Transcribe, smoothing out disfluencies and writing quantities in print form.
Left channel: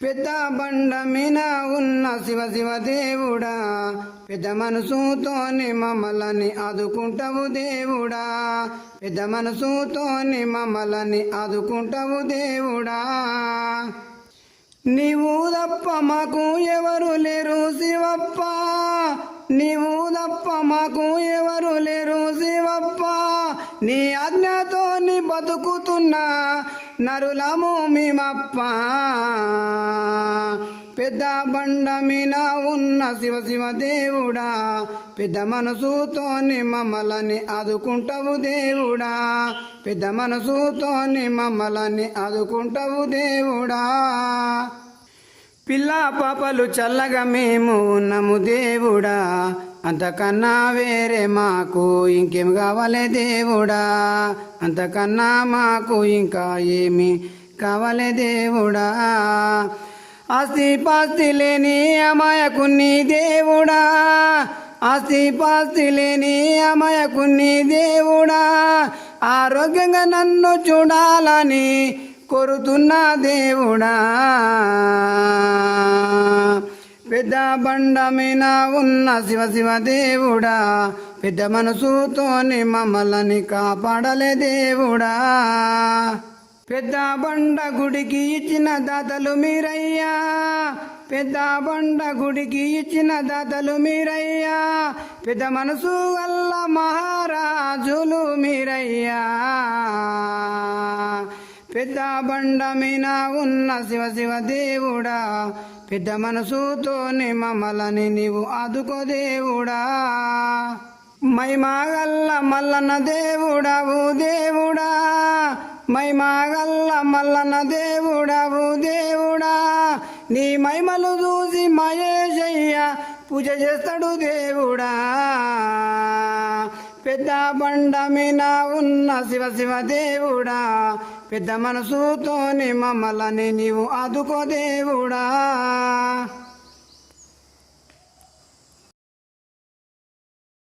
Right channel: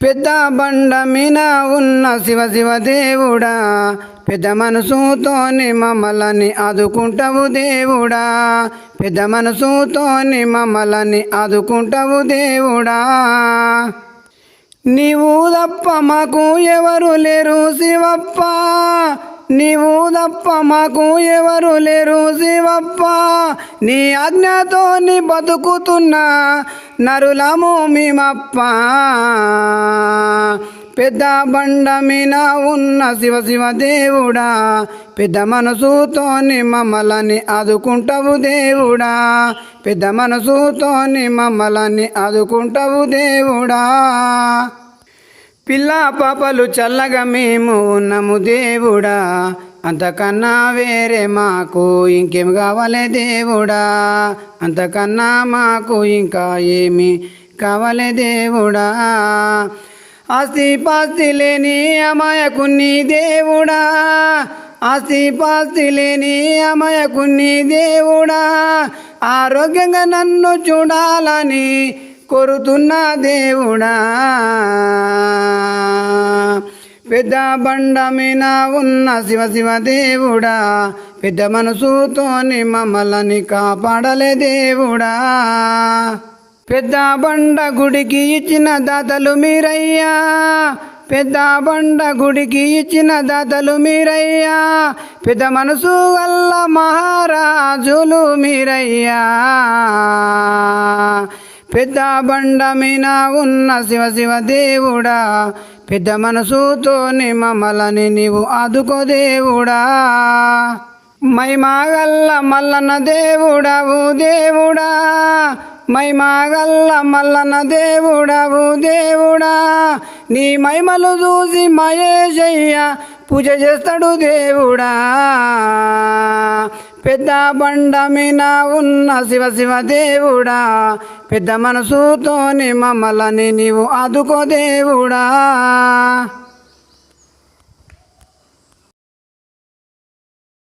పెద్ద బండ మీద ఉన్న శివ శివ దేవుడా, పెద్ద మనసుతోని మమ్మల్ని ఆదుకుంటావు దేవుడా, పెద్ద మనసుతోని మమ్మల్ని ఆదుకుంటావు దేవుడా. నీవు తప్ప మాకు ఎవరు లేరు శివప్ప, నీవు తప్ప మాకు ఎవరు లేరు శివప్ప, నీ ఆజ్ఞతో నీ బతుకుతున్నా నరులము మేమప్ప. పెద్ద బండ మీద ఉన్న శివ శివ దేవుడా, పెద్ద మనసుతోని మమ్మల్ని ఆదుకుంటావు దేవుడా, పెద్ద మనసుతోని మమ్మల్ని ఆదుకుంటావు దేవుడా. పిల్ల పాపలు చల్లగా మేము ఉన్నాము దేవుడా, అంతకన్నా వేరే మాకు ఇంకేం కావాలి దేవుడా, అంతకన్నా మాకు ఇంకా ఏమి కావాలి దేవుడా. ఆస్తి పాస్తి లేని అమాయకుని దేవుడా, ఆస్తి పాస్తి లేని అమాయకుని దేవుడా, ఆరోగ్యంగా నన్ను చూడాలని కోరుతున్న దేవుడా. పెద్ద బండ మీద ఉన్న శివ శివ దేవుడా, పెద్ద మనసుతోని మమ్మల్ని కాపాడలే దేవుడా. పెద్ద బండ గుడికి ఇచ్చిన దాతలు మీరయ్యా, పెద్ద బండ గుడికి ఇచ్చిన దాతలు మీరయ్యా, పెద్ద మనసు వల్ల మహారాజులు మీరయ్యా. పెద్ద బండ మీద ఉన్న శివ శివ దేవుడా, పెద్ద మనసుతోని మమ్మల్ని నీవు ఆదుకో దేవుడా. మైమాగల్ల మల్లన్న దేవుడవు దేవుడా, మైమాగల్ల మల్లన్న దేవుడవు దేవుడా, నీ మహిమలు చూసి మహేశయ్య పూజ చేస్తాడు దేవుడా. పెద్ద బండ మీద ఉన్న శివ శివ దేవుడా, పెద్ద మనసుతోని మమ్మల్ని నీవు ఆదుకో దేవుడా.